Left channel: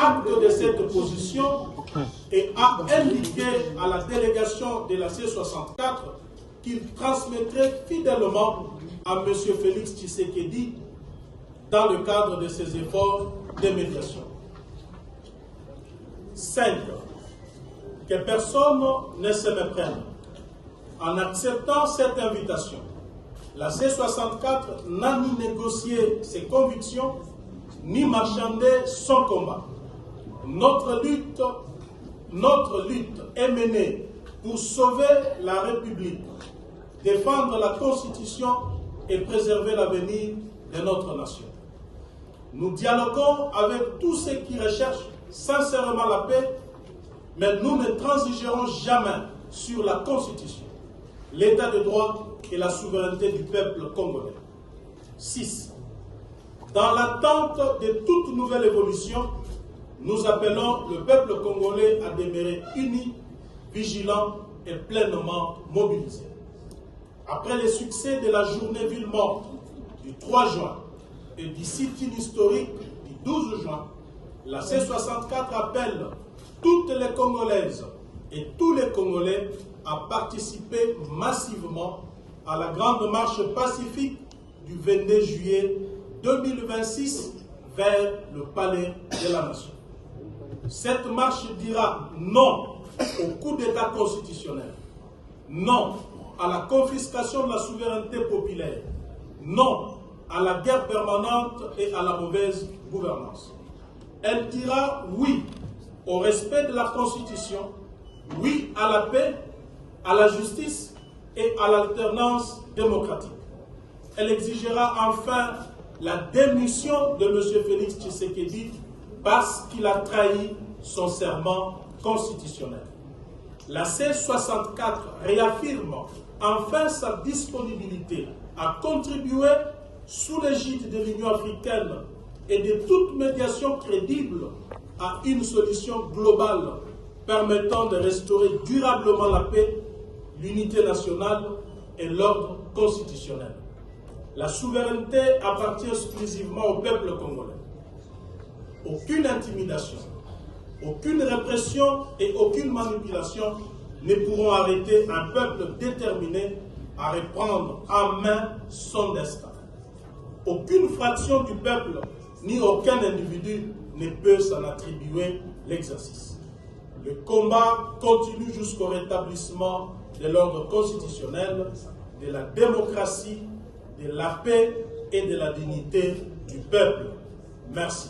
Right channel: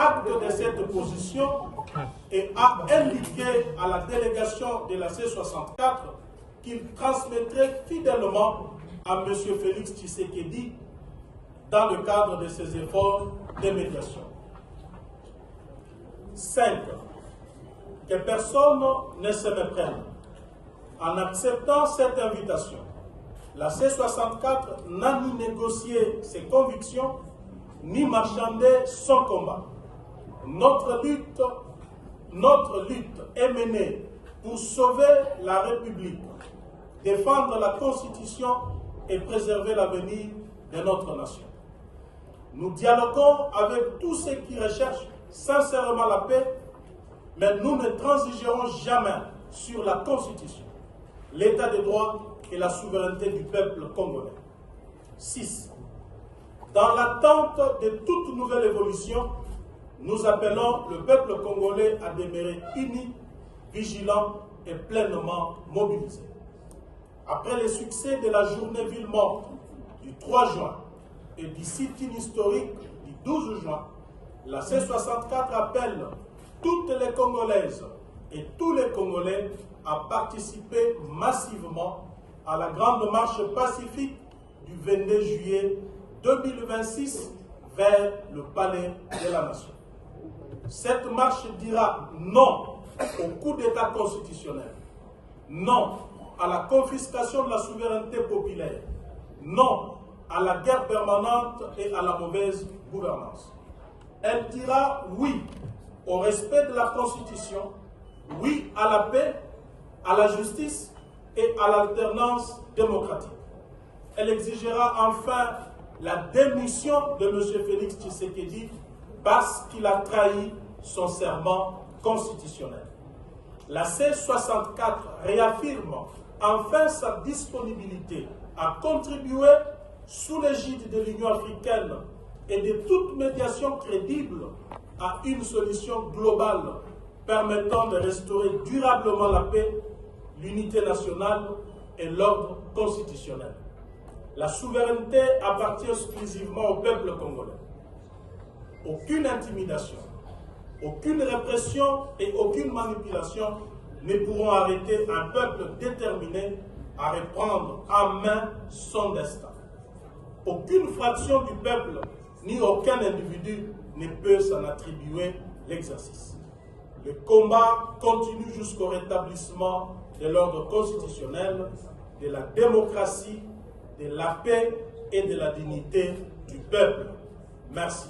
acte de cette position et a indiqué à la délégation de la C64 qu'il transmettrait fidèlement à M. Félix Tshisekedi dans le cadre de ses efforts de médiation. 5. Que personne ne se méprenne. En acceptant cette invitation, la C64 n'a ni négocié ses convictions, ni marchandé son combat. Notre lutte est menée pour sauver la République, défendre la Constitution et préserver l'avenir de notre nation. Nous dialoguons avec tous ceux qui recherchent sincèrement la paix, mais nous ne transigerons jamais sur la Constitution, l'état de droit et la souveraineté du peuple congolais. 6. Dans l'attente de toute nouvelle évolution, nous appelons le peuple congolais à demeurer uni, vigilant et pleinement mobilisé. Après les succès de la journée ville morte du 3 juin et du sit-in historique du 12 juin, la C64 appelle toutes les Congolaises et tous les Congolais à participer massivement à la grande marche pacifique du 22 juillet 2026 vers le palais de la Nation. Cette marche dira non au coup d'État constitutionnel, non à la confiscation de la souveraineté populaire, non à la guerre permanente et à la mauvaise gouvernance. Elle dira oui au respect de la Constitution, oui à la paix, à la justice et à l'alternance démocratique. Elle exigera enfin la démission de M. Félix Tshisekedi parce qu'il a trahi son serment constitutionnel. La C64 réaffirme enfin sa disponibilité à contribuer sous l'égide de l'Union africaine et de toute médiation crédible à une solution globale permettant de restaurer durablement la paix, l'unité nationale et l'ordre constitutionnel. La souveraineté appartient exclusivement au peuple congolais. Aucune intimidation, aucune répression et aucune manipulation ne pourront arrêter un peuple déterminé à reprendre en main son destin. Aucune fraction du peuple ni aucun individu ne peut s'en attribuer l'exercice. Le combat continue jusqu'au rétablissement de l'ordre constitutionnel, de la démocratie, de la paix et de la dignité du peuple. Merci.